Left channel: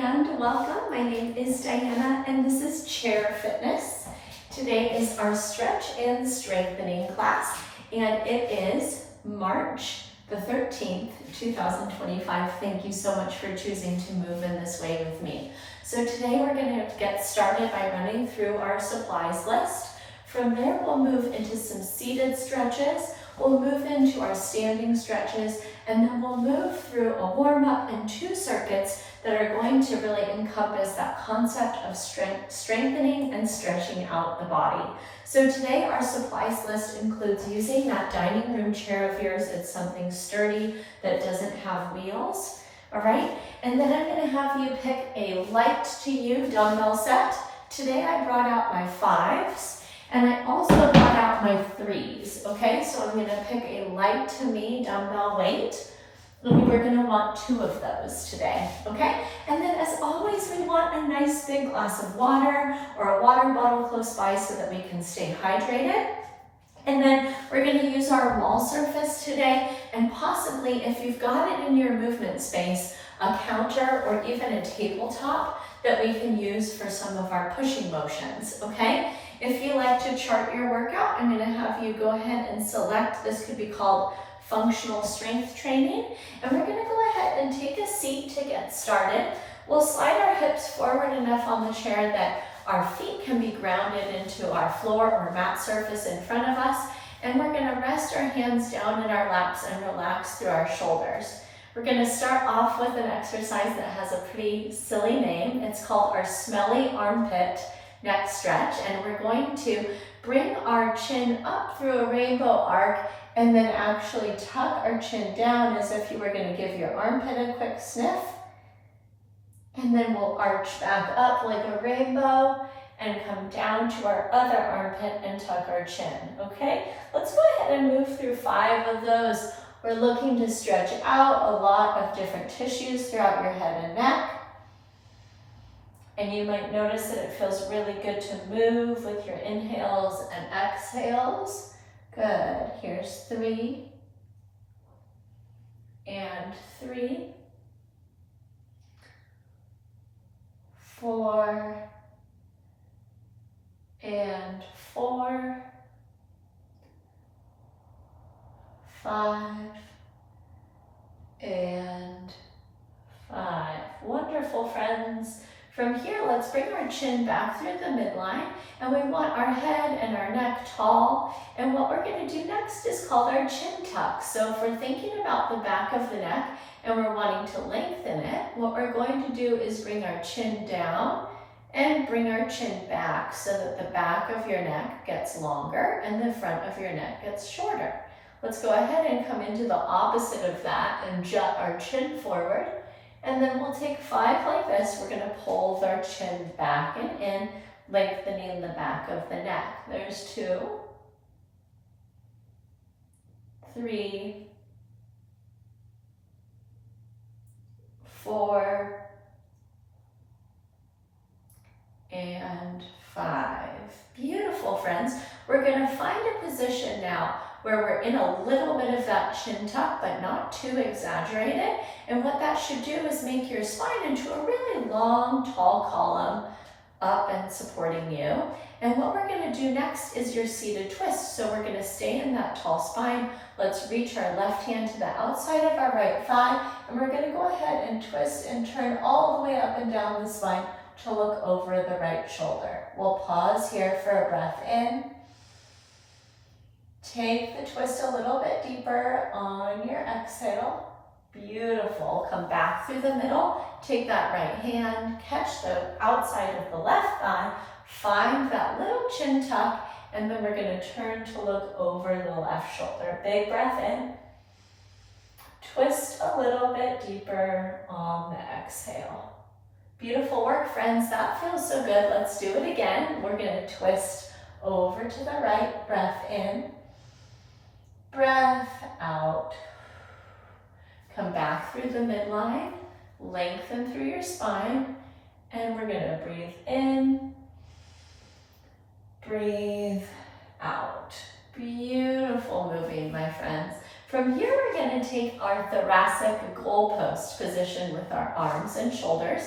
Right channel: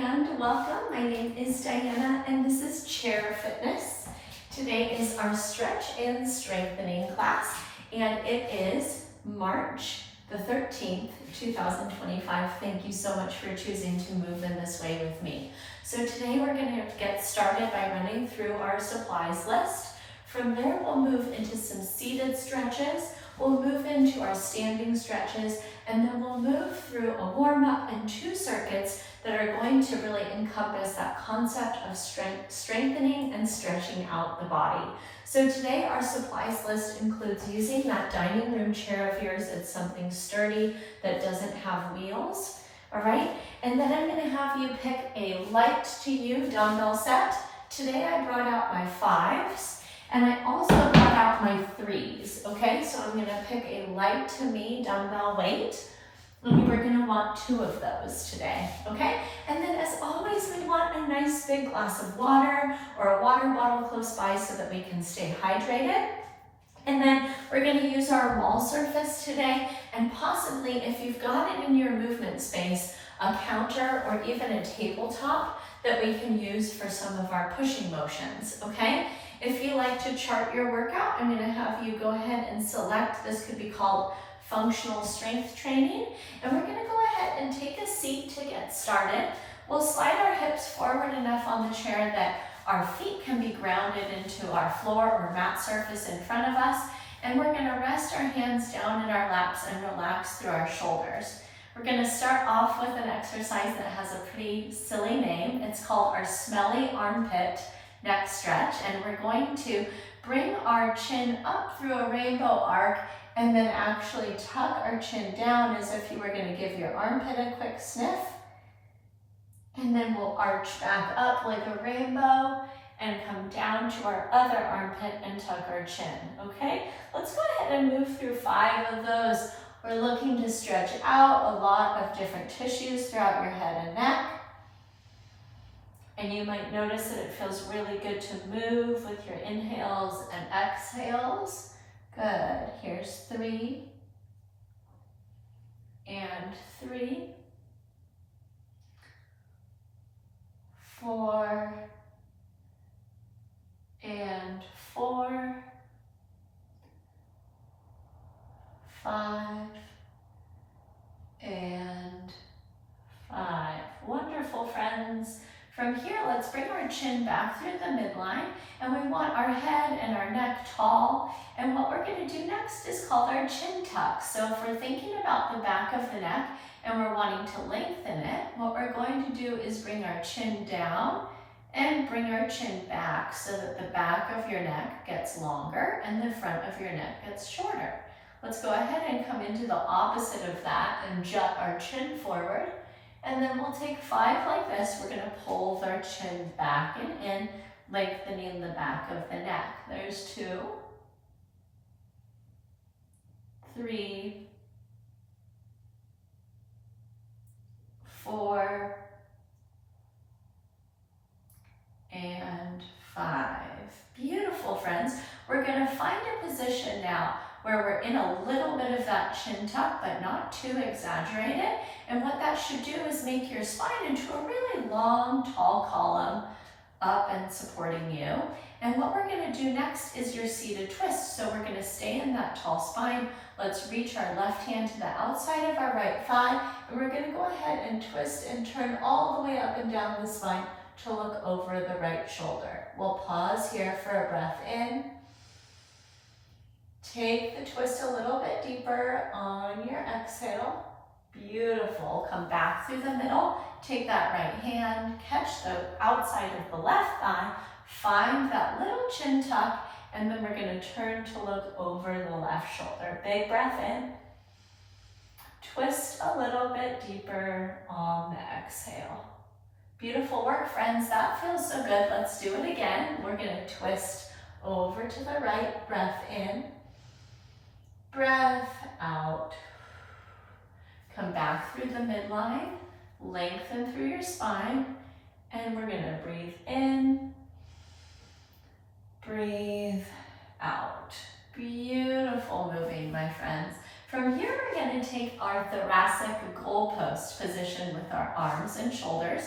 and welcome. My name is Diana and this is Chair Fitness. Today is our stretch and strengthening class and it is March the 13th, 2025. Thank you so much for choosing to move in this way with me. So today we're going to get started by running through our supplies list. From there we'll move into some seated stretches, we'll move into our standing stretches, and then we'll move through a warm-up and 2 circuits that are going to really encompass that concept of strengthening and stretching out the body. So today our supplies list includes using that dining room chair of yours. It's something sturdy that doesn't have wheels, all right? And then I'm gonna have you pick a light to you dumbbell set. Today I brought out my 5s. And I also brought out my 3s, okay? So I'm gonna pick a light to me dumbbell weight, and we're gonna want 2 of those today, okay? And then as always, we want a nice big glass of water or a water bottle close by so that we can stay hydrated. And then we're gonna use our wall surface today, and possibly if you've got it in your movement space, a counter or even a tabletop that we can use for some of our pushing motions, okay? If you like to chart your workout, I'm going to have you go ahead and select, this could be called functional strength training, and we're going to go ahead and take a seat to get started. We'll slide our hips forward enough on the chair that our feet can be grounded into our floor or mat surface in front of us, and we're going to rest our hands down in our laps and relax through our shoulders. We're going to start off with an exercise that has a pretty silly name. It's called our smelly armpit neck stretch, and we're going to bring our chin up through a rainbow arc and then actually tuck our chin down as if you were going to give your armpit a quick sniff, and then we'll arch back up like a rainbow and come down to our other armpit and tuck our chin. Okay, let's go ahead and move through 5 of those. We're looking to stretch out a lot of different tissues throughout your head and neck. And you might notice that it feels really good to move with your inhales and exhales. Good. Here's 3 and 3, 4 and 4, 5 and 5. Wonderful, friends. From here, let's bring our chin back through the midline, and we want our head and our neck tall. And what we're going to do next is called our chin tuck. So if we're thinking about the back of the neck and we're wanting to lengthen it, what we're going to do is bring our chin down and bring our chin back so that the back of your neck gets longer and the front of your neck gets shorter. Let's go ahead and come into the opposite of that and jut our chin forward. And then we'll take 5 like this. We're going to pull our chin back and in, lengthening the back of the neck. There's 2, 3, 4, and 5. Beautiful, friends. We're going to find a position now where we're in a little bit of that chin tuck, but not too exaggerated. And what that should do is make your spine into a really long, tall column up and supporting you. And what we're going to do next is your seated twist. So we're going to stay in that tall spine. Let's reach our left hand to the outside of our right thigh, and we're going to go ahead and twist and turn all the way up and down the spine to look over the right shoulder. We'll pause here for a breath in. Take the twist a little bit deeper on your exhale. Beautiful. Come back through the middle. Take that right hand, catch the outside of the left thigh, find that little chin tuck, and then we're going to turn to look over the left shoulder. Big breath in. Twist a little bit deeper on the exhale. Beautiful work, friends. That feels so good. Let's do it again. We're going to twist over to the right. Breath in. Breath out. Come back through the midline, lengthen through your spine, and we're going to breathe in, breathe out. Beautiful moving, my friends. From here, we're going to take our thoracic goalpost position with our arms and shoulders.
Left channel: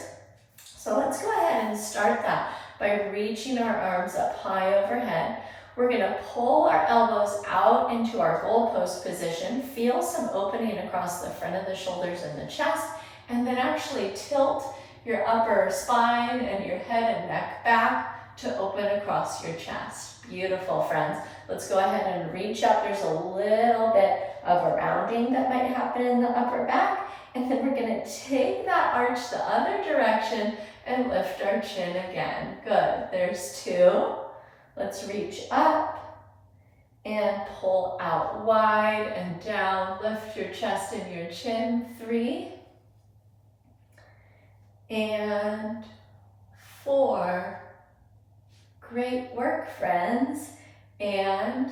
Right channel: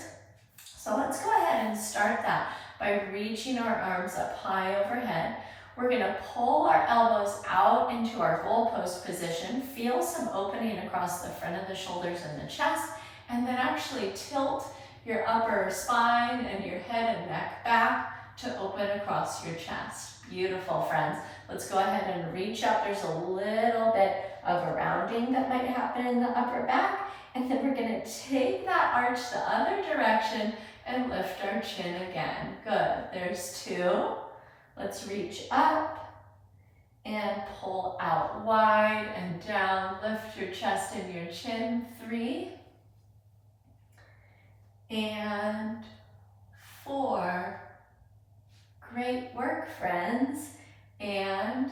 So let's go ahead and start that by reaching our arms up high overhead. We're gonna pull our elbows out into our goalpost position, feel some opening across the front of the shoulders and the chest, and then actually tilt your upper spine and your head and neck back to open across your chest. Beautiful, friends. Let's go ahead and reach up. There's a little bit of a rounding that might happen in the upper back, and then we're gonna take that arch the other direction and lift our chin again. Good, there's 2. Let's reach up and pull out wide and down. Lift your chest and your chin. 3 and 4. Great work, friends. And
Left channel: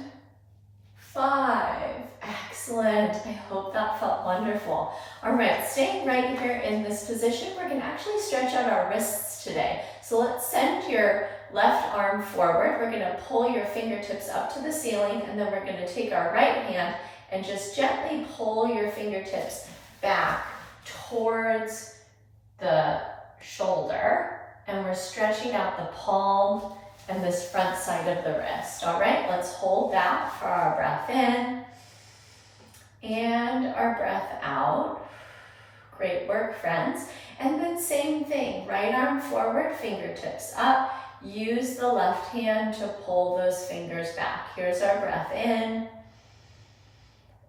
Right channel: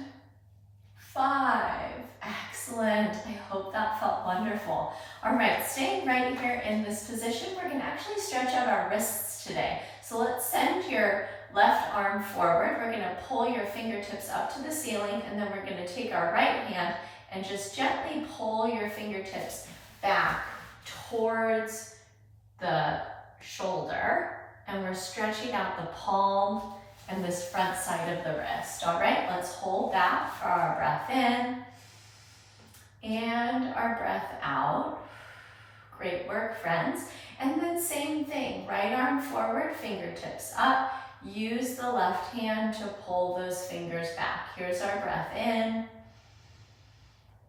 5. Excellent. I hope that felt wonderful. All right, staying right here in this position, we're going to actually stretch out our wrists today. So let's send your left arm forward. We're going to pull your fingertips up to the ceiling, and then we're going to take our right hand and just gently pull your fingertips back towards the shoulder, and we're stretching out the palm and this front side of the wrist. All right, let's hold that for our breath in and our breath out. Great work, friends. And then same thing, right arm forward, fingertips up. Use the left hand to pull those fingers back. Here's our breath in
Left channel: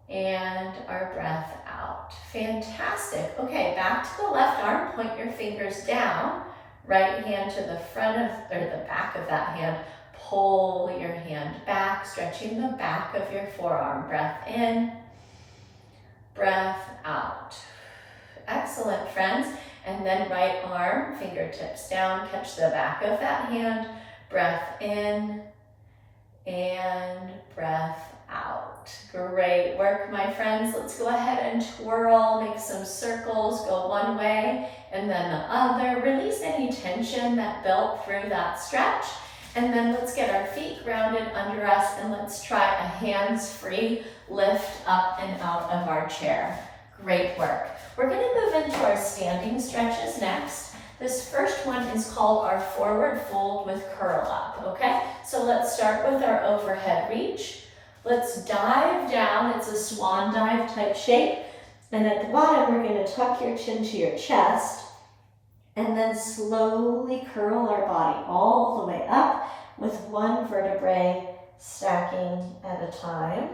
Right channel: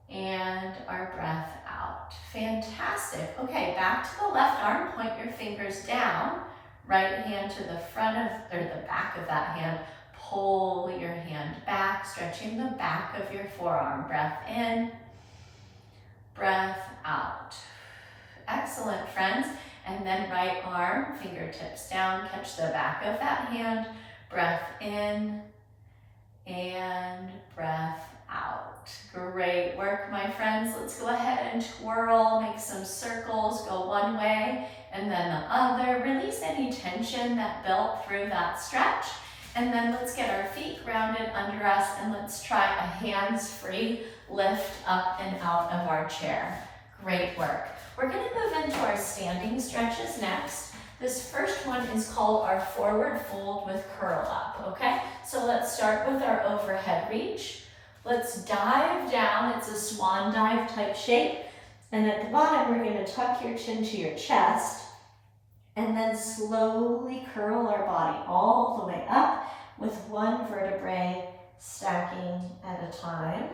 and our breath out. Fantastic. Okay, back to the left arm, point your fingers down. Right hand to the front of, or the back of that hand. Pull your hand back, stretching the back of your forearm. Breath in, breath out. Excellent, friends. And then right arm, fingertips down, catch the back of that hand. Breath in and breath out. Great work, my friends. Let's go ahead and twirl, make some circles, go one way and then the other. Release any tension that built through that stretch. And then let's get our feet grounded under us and let's try a hands-free lift up and out of our chair. Great work. We're going to move into our standing stretches next. This first one is called our forward fold with curl up, okay? So let's start with our overhead reach. Let's dive down. It's a swan dive type shape. And at the bottom, we're going to tuck your chin to your chest and then slowly curl our body all the way up with one vertebrae stacking at a time.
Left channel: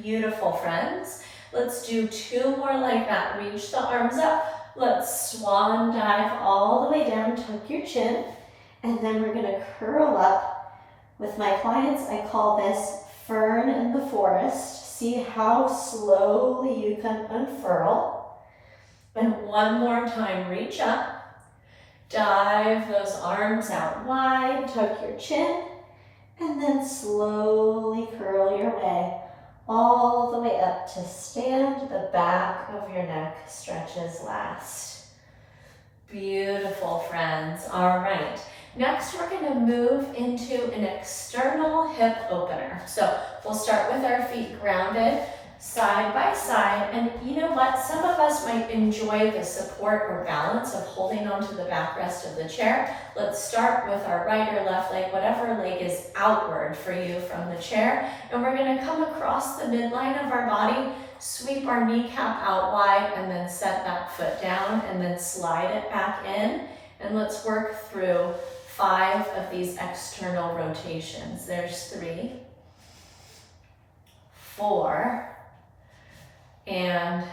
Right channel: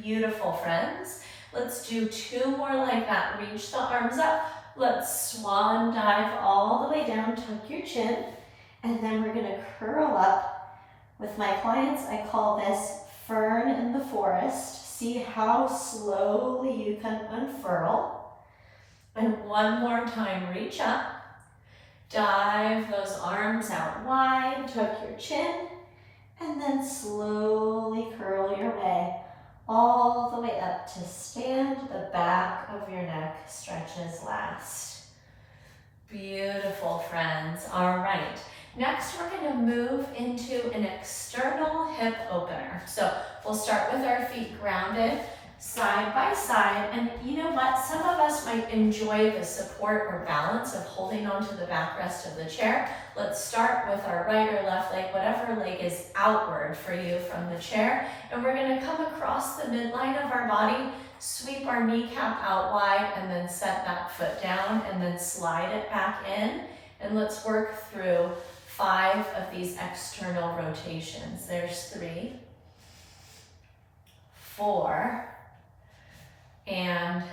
Beautiful, friends. Let's do 2 more like that. Reach the arms up. Let's swan dive all the way down, tuck your chin, and then we're gonna curl up. With my clients, I call this fern in the forest. See how slowly you can unfurl. And one more time, reach up. Dive those arms out wide, tuck your chin, and then slowly curl your way all the way up to stand. The back of your neck stretches last. Beautiful, friends. All right. Next, we're going to move into an external hip opener. So we'll start with our feet grounded side by side. And you know what? Some of us might enjoy the support or balance of holding onto the backrest of the chair. Let's start with our right or left leg, whatever leg is outward for you from the chair. And we're going to come across the midline of our body, sweep our kneecap out wide, and then set that foot down, and then slide it back in. And let's work through 5 of these external rotations. There's 3, 4, and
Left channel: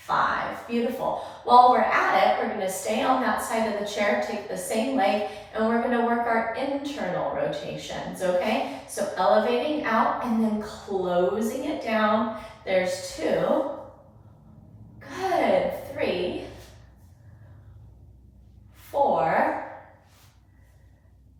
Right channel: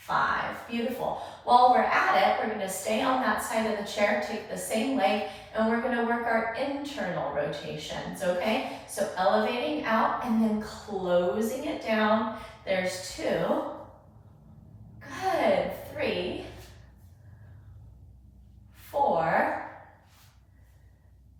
5. Beautiful. While we're at it, we're going to stay on that side of the chair, take the same leg, and we're going to work our internal rotations, okay? So elevating out and then closing it down. There's 2. Good. 3, 4,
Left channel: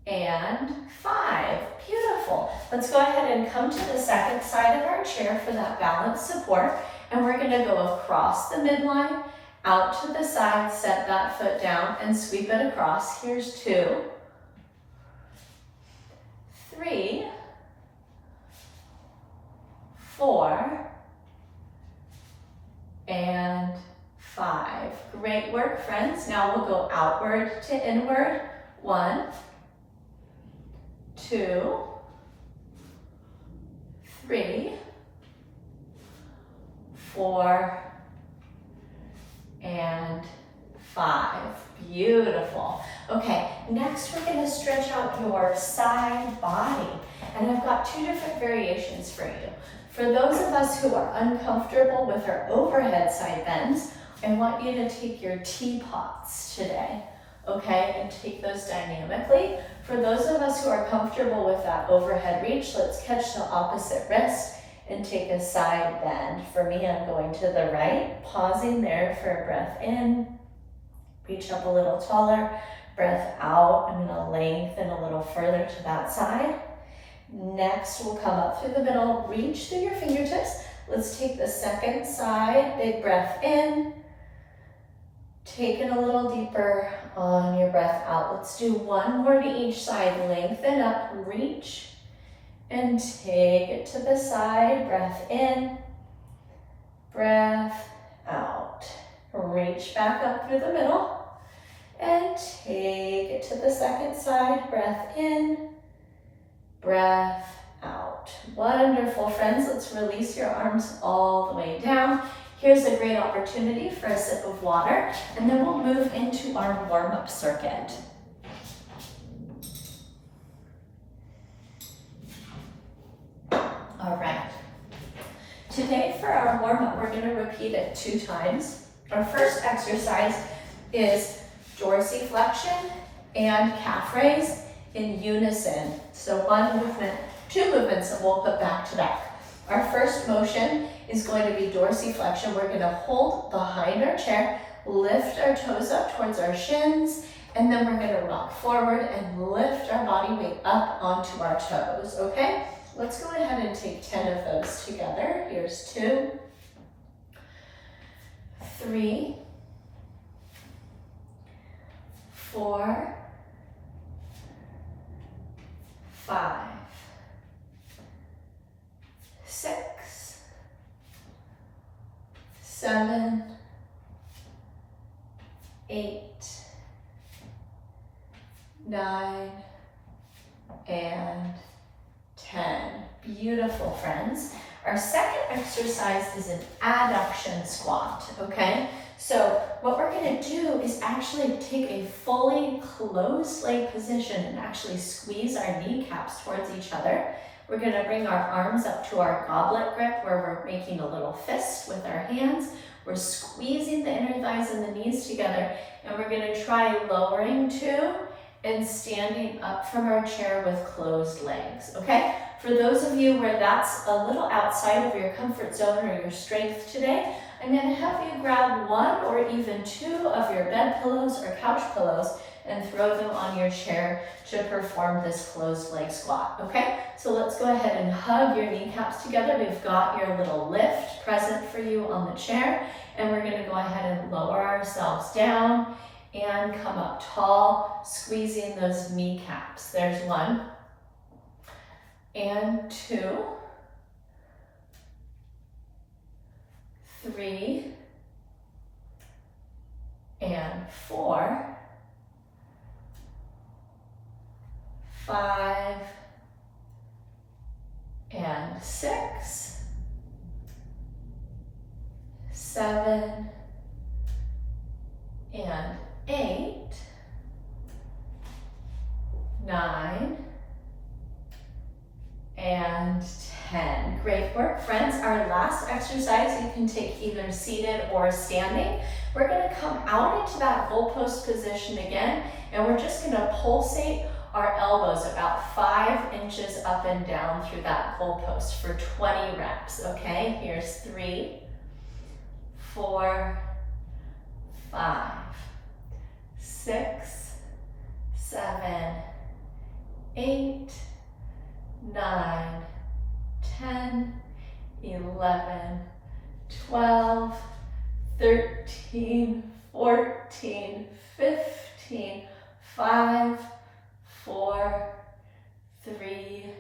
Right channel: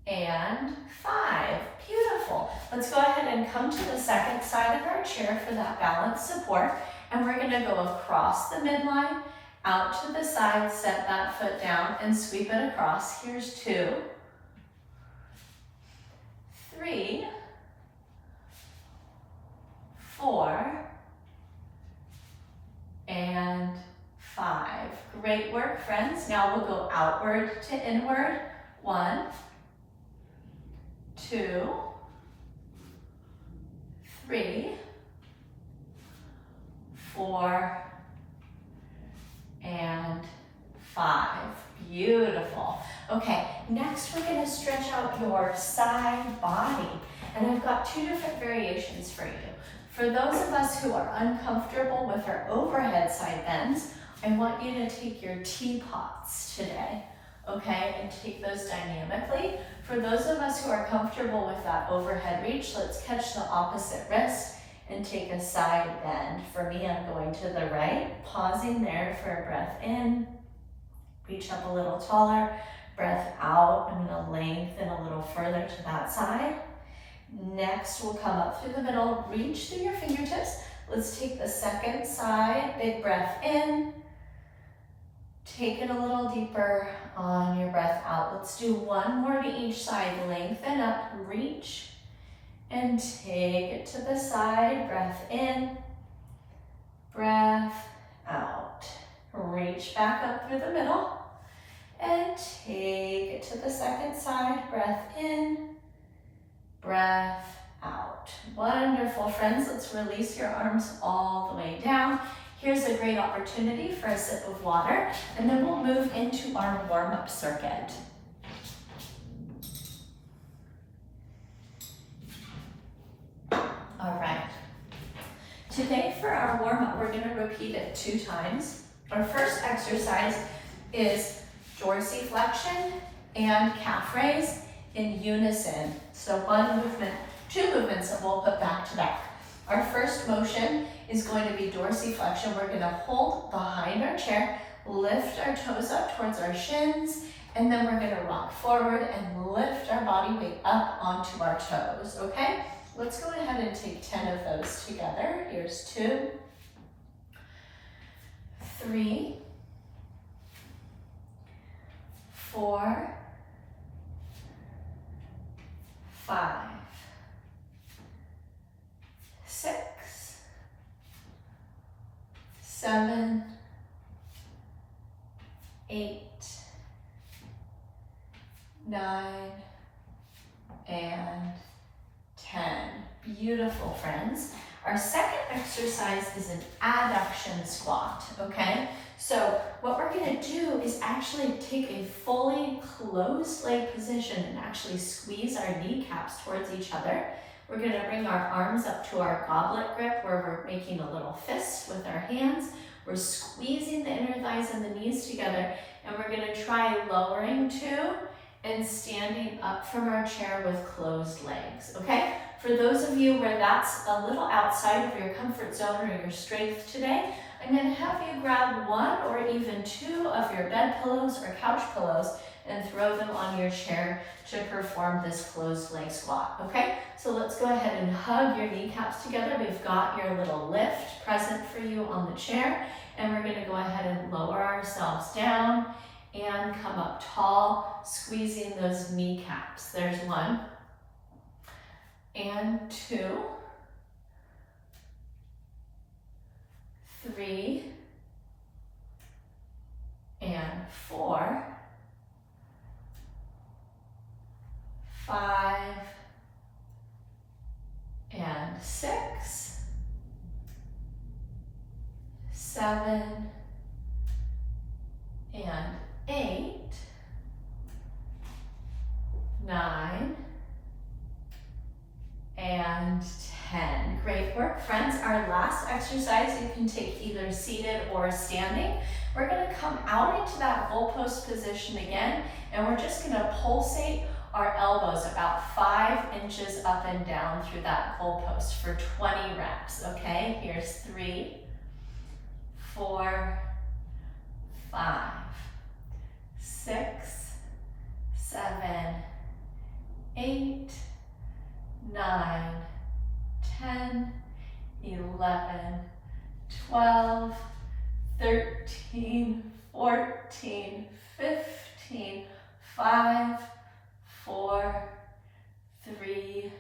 and 5. Beautiful. Let's go ahead and come to the second side of our chair for that balance support. And we're going to go across the midline, out to the side, set that foot down, and sweep it across. Here's 2, 3, 4, and 5. Great work, friends. Now we'll go outward to inward. 1, 2, 3, 4, and 5. Beautiful. Okay, next we're going to stretch out your side body. And I've got 2 different variations for you. For those of us who are uncomfortable with our overhead side bends, I want you to take your teapots today, okay, and take those dynamically. For those of us who are comfortable with that overhead reach, let's catch the opposite wrist and take a side bend. For me, I'm going to the right, pausing there for a breath in, reach up a little taller, breath out. I'm gonna lengthen a little further to that side. Next, we'll come up through the middle, reach through your fingertips. Let's take the second side, big breath in. Take it a little deeper on your breath out. Let's do 1 more to each side. Lengthen up, reach, and take it to the side. Breath in, breath out. Reach back up through the middle, and take it to the second side. Breath in, breath out. Wonderful, friends. Let's release your arms all the way down. Here's a great opportunity for a sip of water, and then we'll move into our warm-up circuit. All right. Today for our warm-up, we're going to repeat it 2 times. Our first exercise is dorsiflexion and calf raise in unison. So 1 movement, 2 movements that we'll put back to back. Our first motion is going to be dorsiflexion. We're going to hold behind our chair, lift our toes up towards our shins, and then we're going to rock forward and lift our body weight up onto our toes, okay? Let's go ahead and take 10 of those together. Here's 2, 3, 4, 5, 6, 7, 8, 9, and 10. Beautiful, friends. Our second exercise is an adduction squat, okay? So what we're gonna do is actually take a fully closed leg position and actually squeeze our kneecaps towards each other. We're gonna bring our arms up to our goblet grip where we're making a little fist with our hands. We're squeezing the inner thighs and the knees together, and we're gonna try lowering to and standing up from our chair with closed legs, okay? For those of you where that's a little outside of your comfort zone or your strength today, I'm gonna have you grab 1 or even 2 of your bed pillows or couch pillows and throw them on your chair to perform this closed leg squat, okay? So let's go ahead and hug your kneecaps together. We've got your little lift present for you on the chair, and we're gonna go ahead and lower ourselves down and come up tall, squeezing those kneecaps. There's 1 and 2, 3 and 4, 5 and 6, 7 and 8, 9, and 10. Great work, friends. Our last exercise, you can take either seated or standing. We're gonna come out into that goalpost position again, and we're just gonna pulsate our elbows about 5 inches up and down through that goalpost for 20 reps, okay? Here's 3, 4, 5, 6, 7, 8, 9, 10, 11, 12, 13, 14, 15, 5, 4, 3,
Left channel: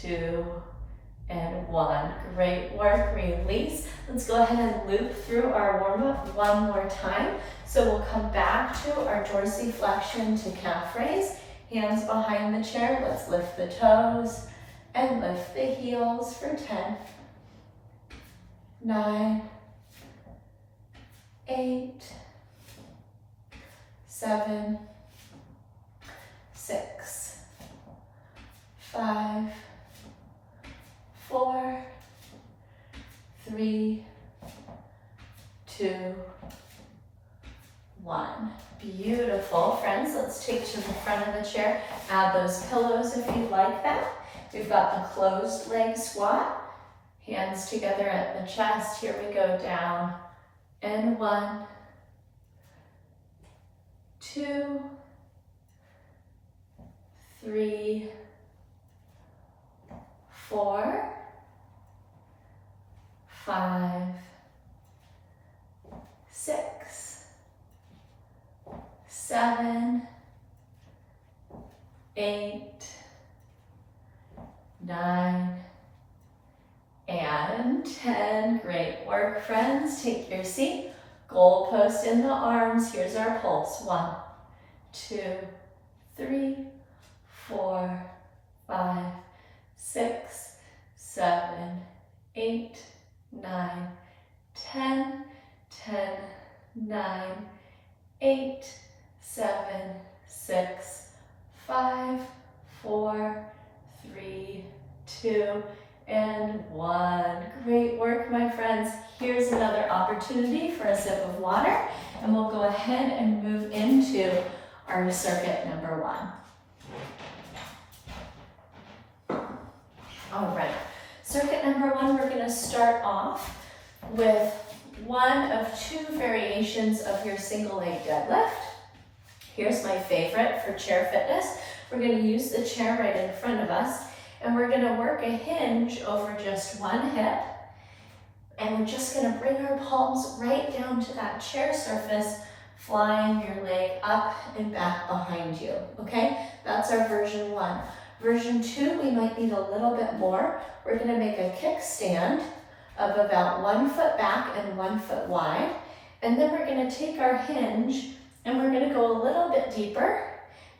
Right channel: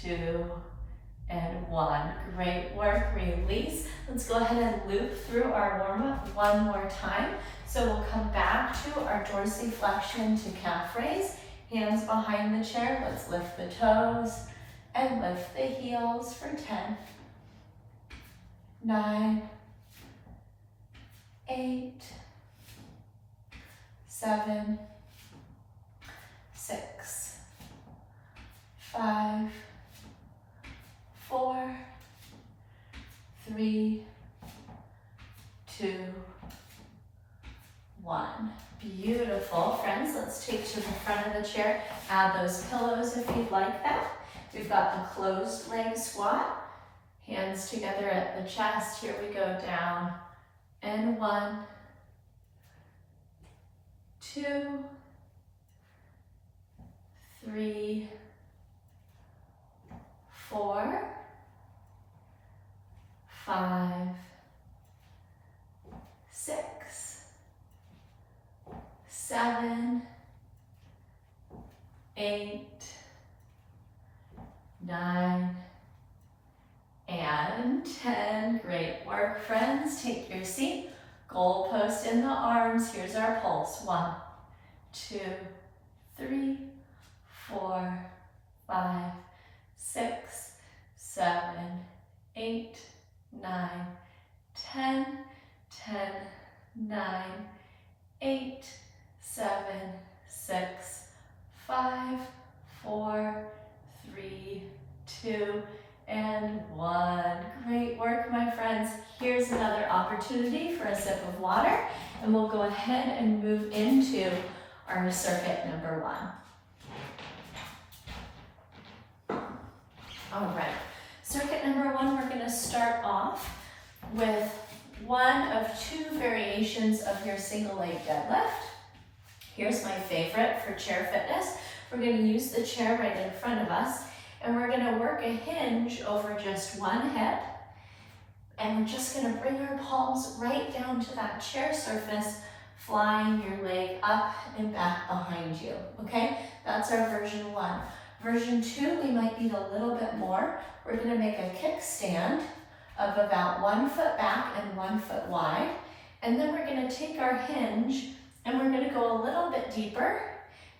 2, and 1. Great work, release. Let's go ahead and loop through our warm-up one more time. So we'll come back to our dorsiflexion to calf raise. Hands behind the chair. Let's lift the toes and lift the heels for 10, 9, 8, 7, 6, 5, 4, 3, 2, 1. Beautiful. Friends, let's take to the front of the chair. Add those pillows if you'd like that. We've got the closed leg squat. Hands together at the chest. Here we go, down. And 1, 2, 3, 4, 5, 6, 7, 8, 9, and 10. Great work, friends. Take your seat. Goalpost in the arms. Here's our pulse. 1, 2, 3, 4, 5, 6, 7, 8, 9, 10, 10, 9, 8, 7, 6, 5, 4, 3, 2, and 1. Great work, my friends. Here's another opportunity for a sip of water, and we'll go ahead and move into our circuit number 1. All right, circuit number 1, we're going to start off with one of 2 variations of your single leg deadlift. Here's my favorite for chair fitness. We're going to use the chair right in front of us, and we're going to work a hinge over just one hip, and we're just going to bring our palms right down to that chair surface, flying your leg up and back behind you, okay? That's our version 1. Version 2, we might need a little bit more. We're going to make a kickstand of about 1 foot back and 1 foot wide, and then we're going to take our hinge and we're going to go a little bit deeper,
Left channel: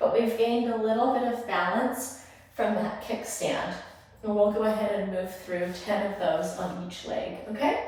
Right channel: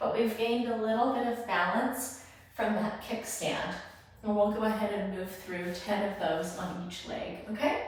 but we've gained a little bit of balance from that kickstand. And we'll go ahead and move through 10 of those on each leg, okay?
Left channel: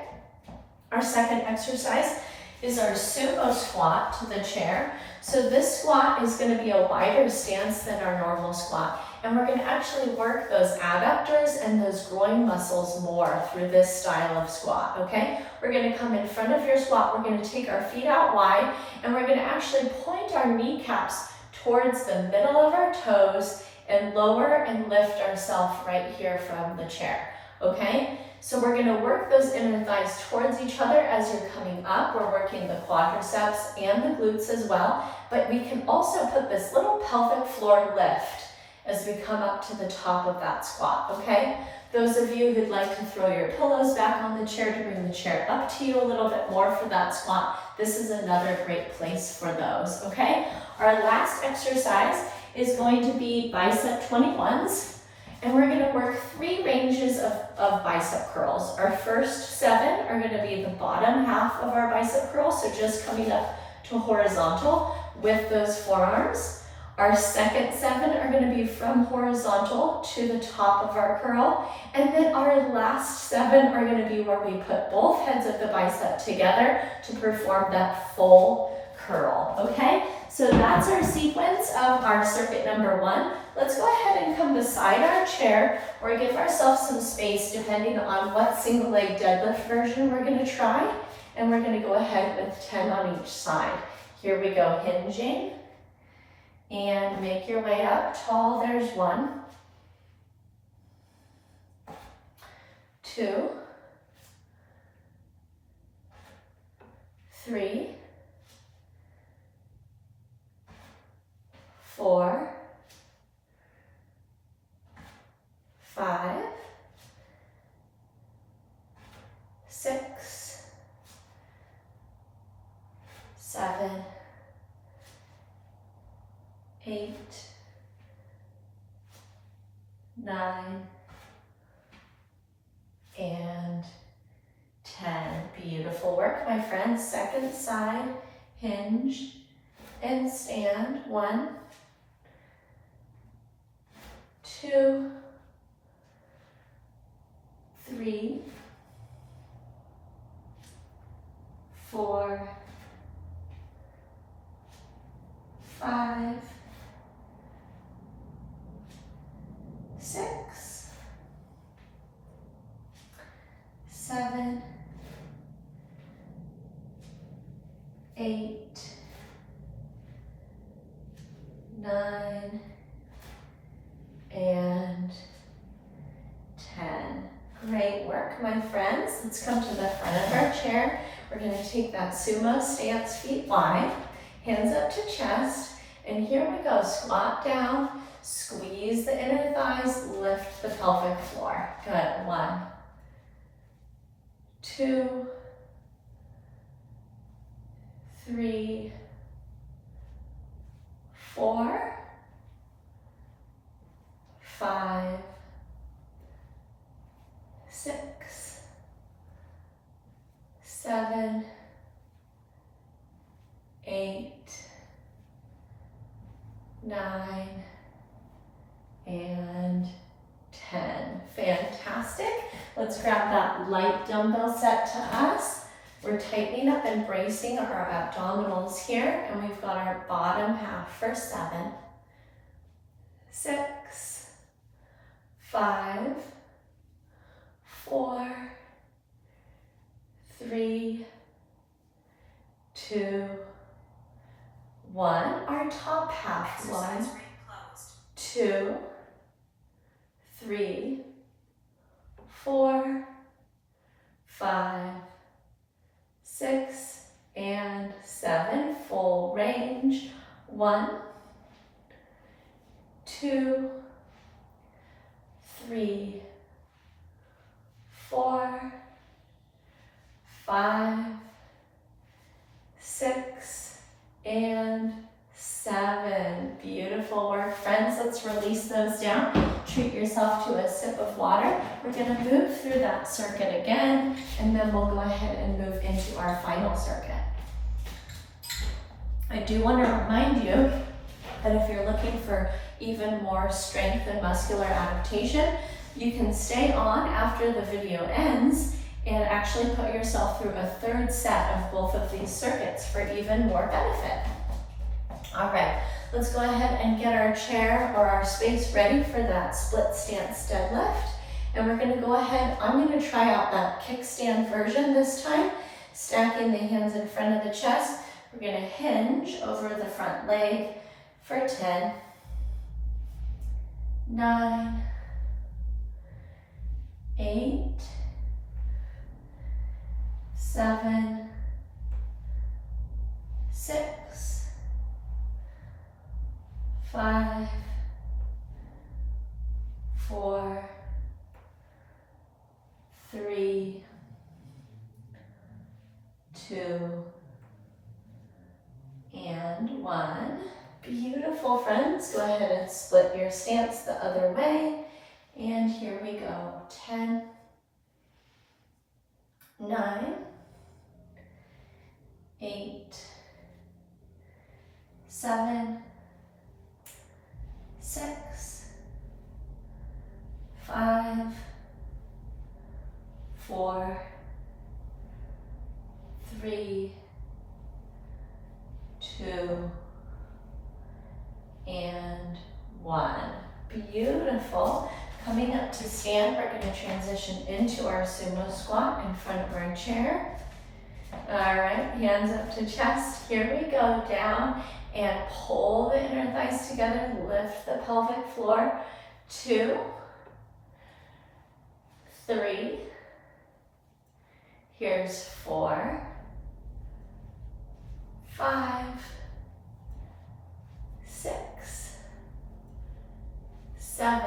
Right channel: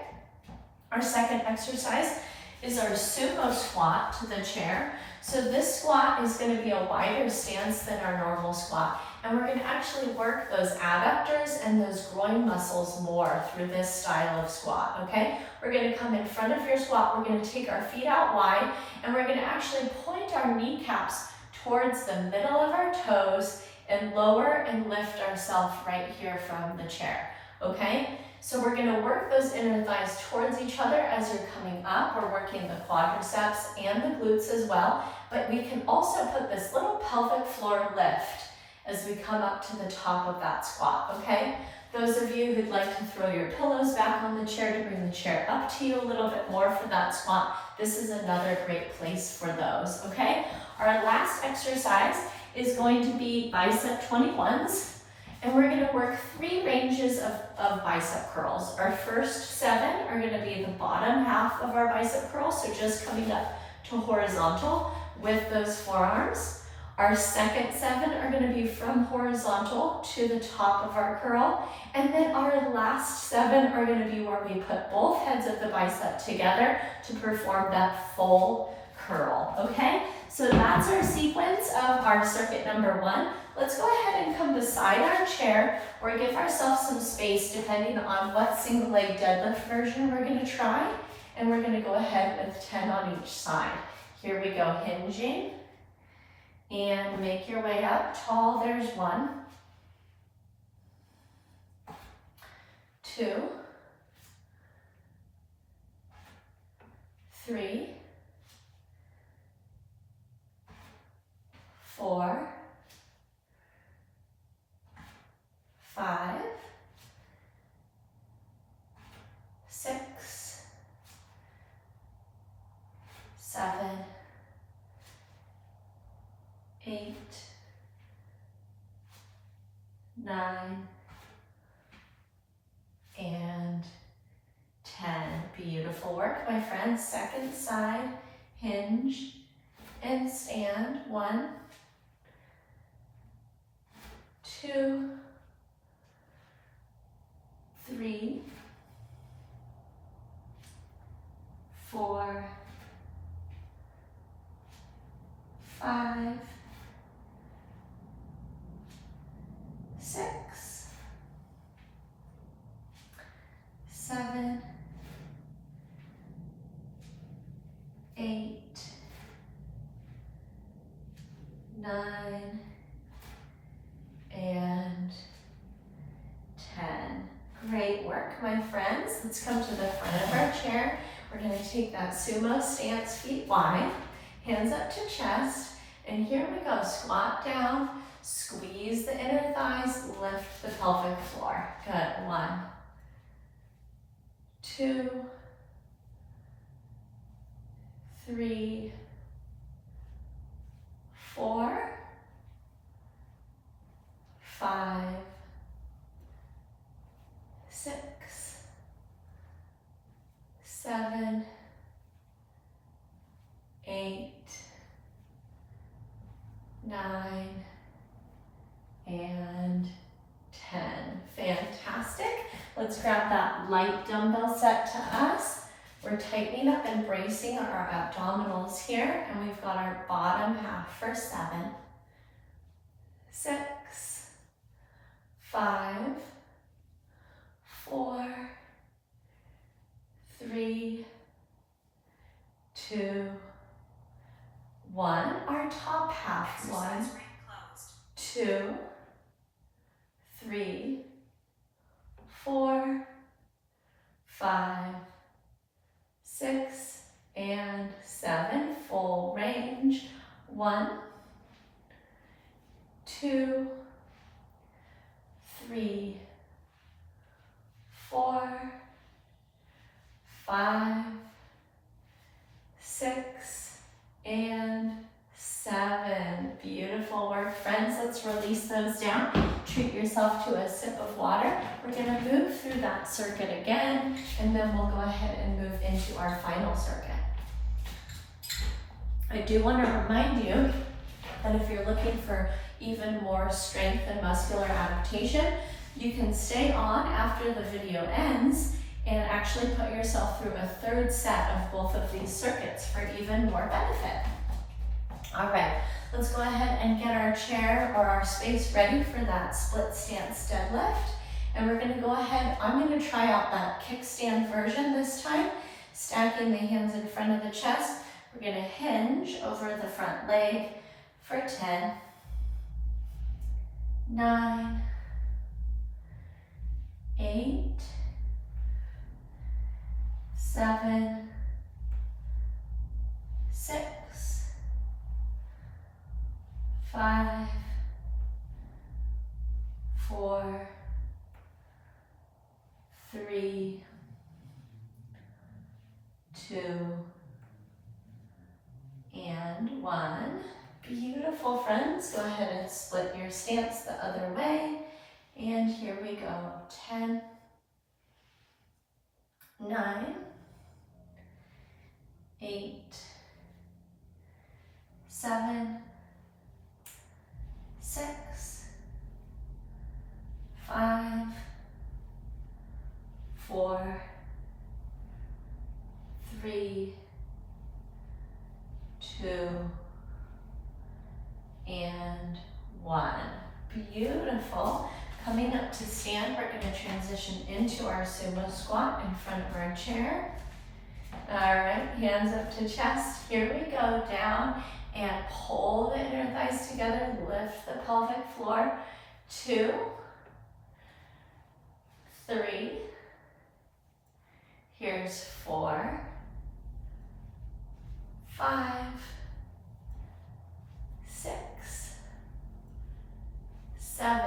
Our second exercise is our sumo squat to the chair. So this squat is going to be a wider stance than our normal squat. And we're going to actually work those adductors and those groin muscles more through this style of squat, okay? We're going to come in front of your squat. We're going to take our feet out wide, and we're going to actually point our kneecaps towards the middle of our toes and lower and lift ourselves right here from the chair, okay? So we're going to work those inner thighs towards each other as you're coming up. We're working the quadriceps and the glutes as well, but we can also put this little pelvic floor lift as we come up to the top of that squat, okay? Those of you who'd like to throw your pillows back on the chair to bring the chair up to you a little bit more for that squat, this is another great place for those, okay? Our last exercise is going to be bicep 21s, and we're going to work 3 ranges of bicep curls. Our first 7 are going to be the bottom half of our bicep curls, so just coming up to horizontal with those forearms. Our second 7 are going to be from horizontal to the top of our curl, and then our last 7 are going to be where we put both heads of the bicep together to perform that full curl, okay? So that's our sequence of our circuit number 1. Let's go ahead and come beside our chair or give ourselves some space depending on what single leg deadlift version we're going to try. And we're going to go ahead with 10 on each side. Here we go, hinging. And make your way up tall. There's 1, 2, 3, 4, 5, 6, 7, 8, 9, and 10. Beautiful work, my friends. Second side, hinge and stand. 1, 2, 3, 4, 5, 6, 7, 8, 9, and 10. Great work, my friends. Let's come to the front of our chair. We're going to take that sumo stance, feet wide, hands up to chest, and here we go. Squat down, squeeze the inner thighs, lift the pelvic floor. Good. 1, 2, 3, 4, 5, 6, 7, 8, 9, and 10. Fantastic. Let's grab that light dumbbell set to us. We're tightening up and bracing our abdominals here, and we've got our bottom half for 7, 6, 5, 4, 3, 2, 1. Our top half. 1, 2, 3, 4, 5, 6, and 7. Full range. 1, 2, 3, 4, 5, 6, and 7. Beautiful work, friends. Let's release those down. Treat yourself to a sip of water. We're going to move through that circuit again, and then we'll go ahead and move into our final circuit. I do want to remind you that if you're looking for even more strength and muscular adaptation, you can stay on after the video ends and actually put yourself through a third set of both of these circuits for even more benefit. All right, let's go ahead and get our chair or our space ready for that split stance deadlift. And we're gonna go ahead, I'm gonna try out that kickstand version this time, stacking the hands in front of the chest. We're gonna hinge over the front leg for 10, 9, 8, 7, 6, 5, 4, 3, 2, and 1. Beautiful, friends. Go ahead and split your stance the other way. And here we go. 10, 9, 8, 7, 6, 5, 4, 3, 2, and 1. Beautiful. Coming up to stand, we're going to transition into our sumo squat in front of our chair. All right, hands up to chest. Here we go, down and pull the inner thighs together, lift the pelvic floor. 2, 3, here's 4, 5, 6, 7,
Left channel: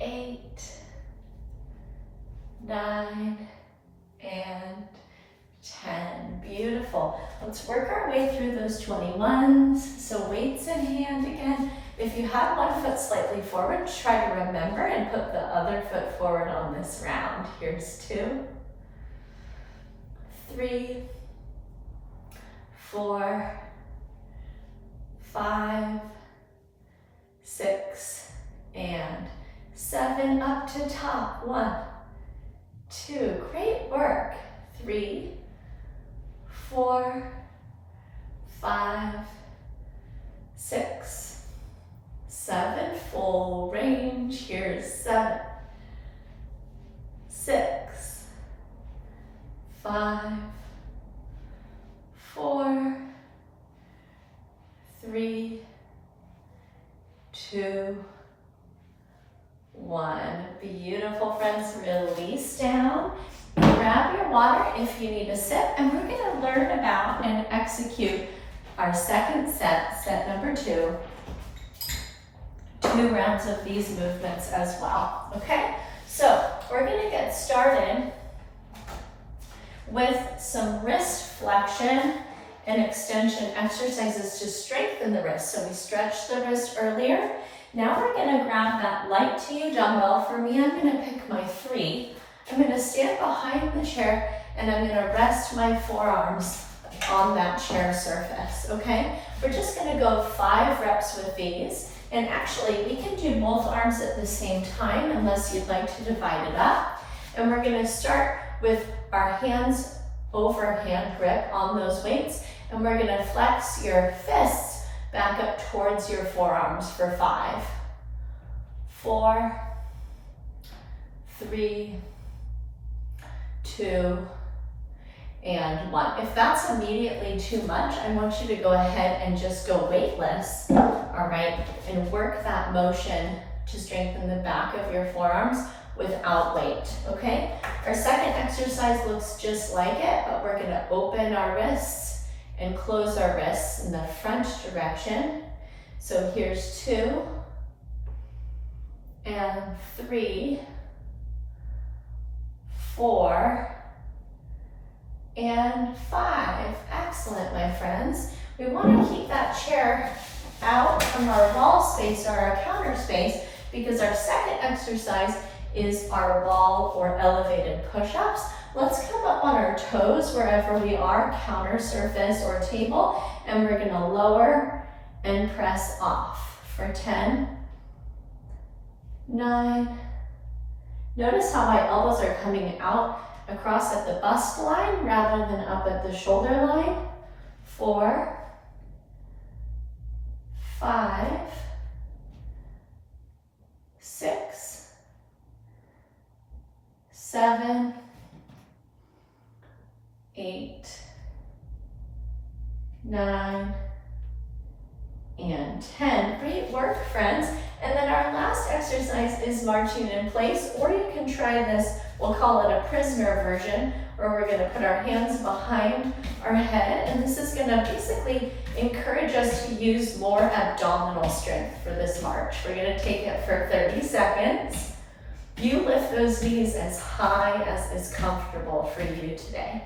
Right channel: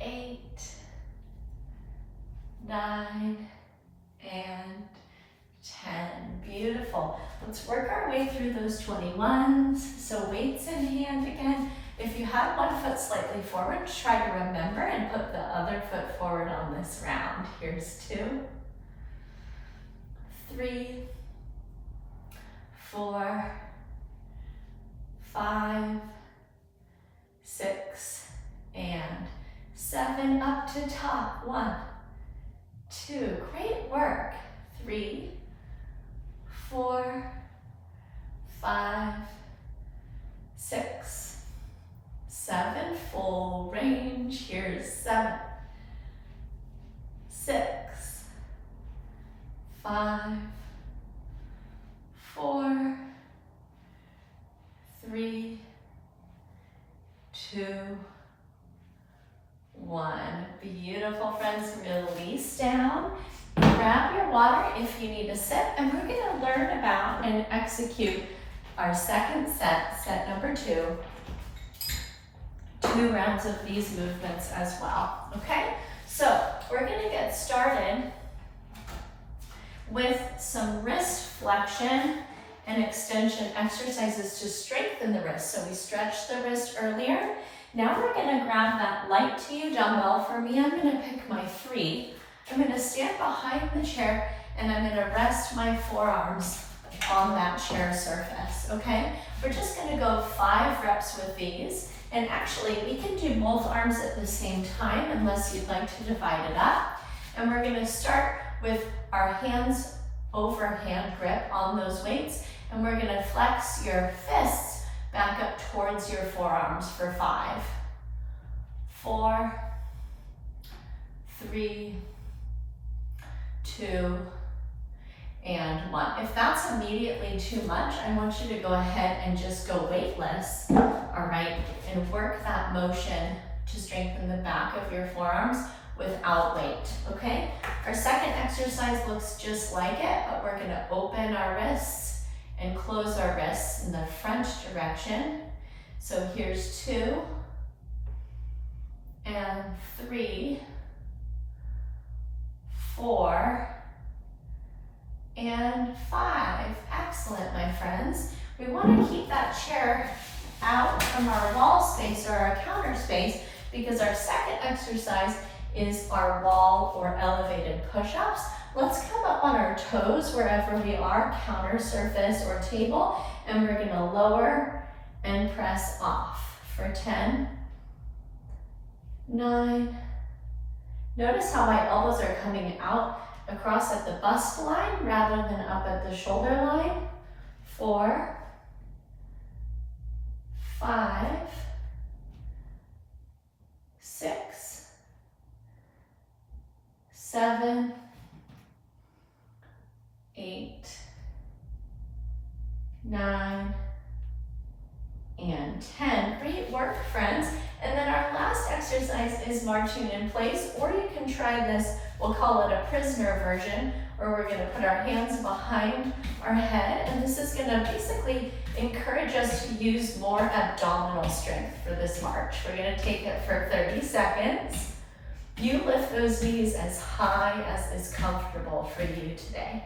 8, 9, and 10. Beautiful. Let's work our way through those 21s. So weights in hand again. If you have one foot slightly forward, try to remember and put the other foot forward on this round. Here's 2, 3, 4, 5, 6, and 7. Up to top. 1, 2. Great work. 3, 4, 5, 6, 7. Full range. Here's 7, 6, 5, 4, 3, 2, 1. Beautiful, friends. Release down. Grab your water if you need a sip, and we're going to learn about and execute our second set number 2. 2 rounds of these movements as well. Okay, so we're going to get started with some wrist flexion and extension exercises to strengthen the wrist. So we stretched the wrist earlier. Now we're going to grab that light to you dumbbell. For me, I'm going to pick my 3. I'm going to stand behind the chair and I'm going to rest my forearms on that chair surface, okay? We're just going to go 5 reps with these. And actually, we can do both arms at the same time unless you'd like to divide it up. And we're going to start with our hands over hand grip on those weights. And we're going to flex your fists back up towards your forearms for 5, 4, 3, 2, and 1. If that's immediately too much, I want you to go ahead and just go weightless, all right? And work that motion to strengthen the back of your forearms without weight, okay? Our second exercise looks just like it, but we're gonna open our wrists and close our wrists in the front direction. So here's 2, and 3, 4, and 5. Excellent, my friends. We want to keep that chair out from our wall space or our counter space because our second exercise is our wall or elevated push-ups. Let's come up on our toes wherever we are, counter surface or table, and we're going to lower and press off for 10, 9. Notice how my elbows are coming out across at the bust line rather than up at the shoulder line. 4, 5, 6, 7, 8, 9, and 10. Great work, friends. And then our last exercise is marching in place, or you can try this, we'll call it a prisoner version, where we're going to put our hands behind our head, and this is going to basically encourage us to use more abdominal strength for this march. We're going to take it for 30 seconds. You lift those knees as high as is comfortable for you today.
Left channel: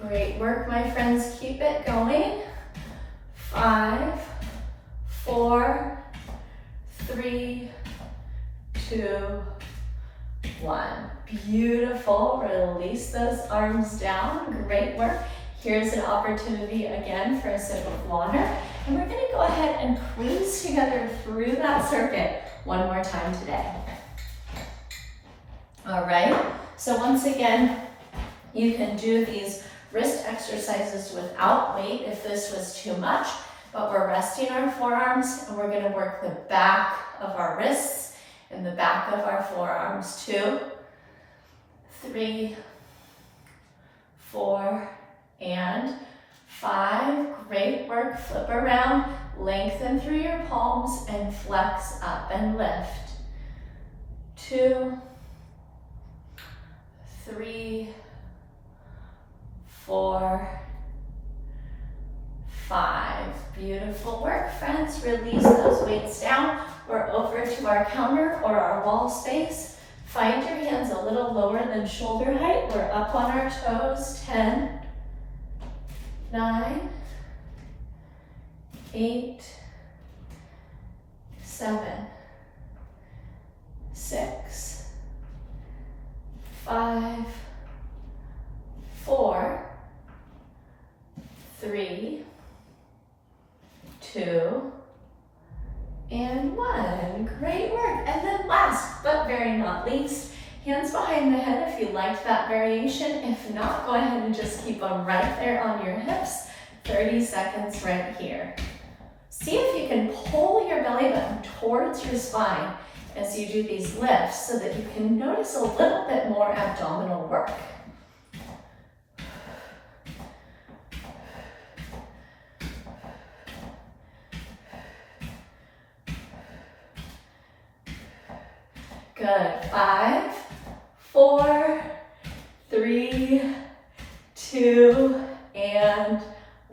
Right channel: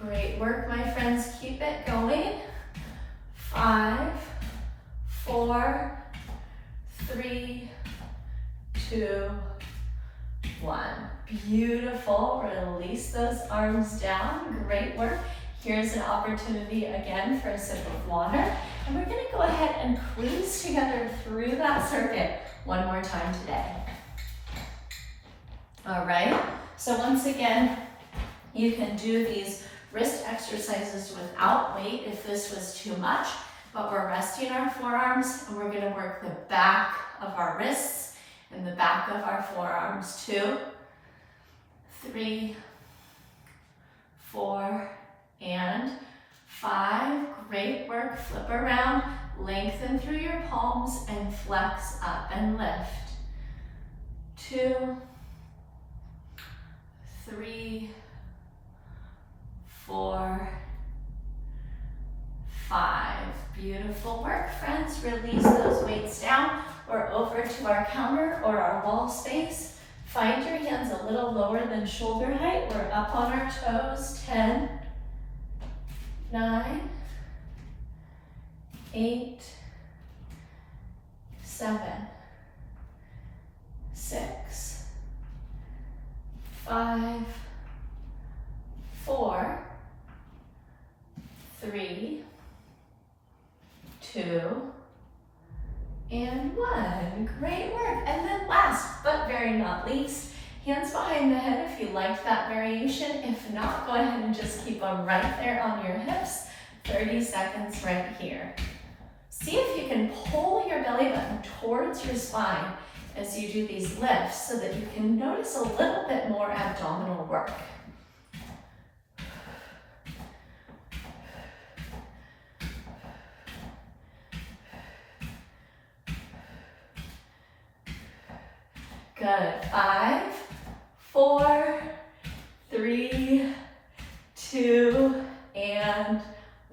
Great work, my friends. Keep it going. 5, 4, 3, 2, 1. Beautiful. Release those arms down. Great work. Here's an opportunity again for a sip of water. And we're going to go ahead and squeeze together through that circuit one more time today. All right. So once again, you can do these wrist exercises without weight if this was too much, but we're resting our forearms and we're going to work the back of our wrists and the back of our forearms. 2, 3, 4, and 5. Great work. Flip around, lengthen through your palms and flex up and lift. 2, 3, 4, 5. Beautiful work, friends. Release those weights down. We're over to our counter or our wall space Find your hands a little lower than shoulder height. We're up on our toes. 10, 9, 8, 7, 6, 5, 4, 3, 2, and 1. Great work. And then last but very not least, hands behind the head if you liked that variation. If not, go ahead and just keep them right there on your hips. 30 seconds right here. See if you can pull your belly button towards your spine as you do these lifts so that you can notice a little bit more abdominal work. Good. 5, 4, 3, 2, and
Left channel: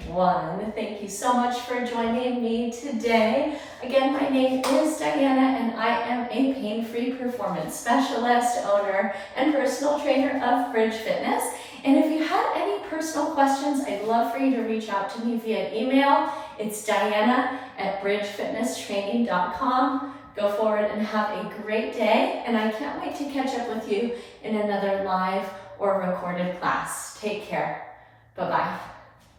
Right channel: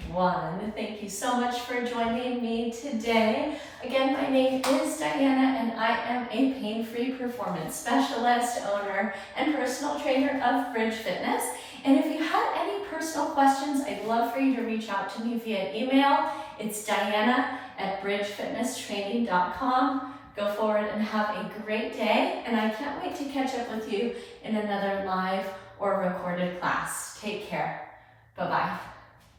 1. Thank you so much for joining me today. Again, my name is Diana and I am a pain-free performance specialist, owner, and personal trainer of Bridge Fitness. And if you had any personal questions, I'd love for you to reach out to me via email. It's diana@bridgefitnesstraining.com. Go forward and have a great day, and I can't wait to catch up with you in another live or recorded class. Take care. Bye-bye.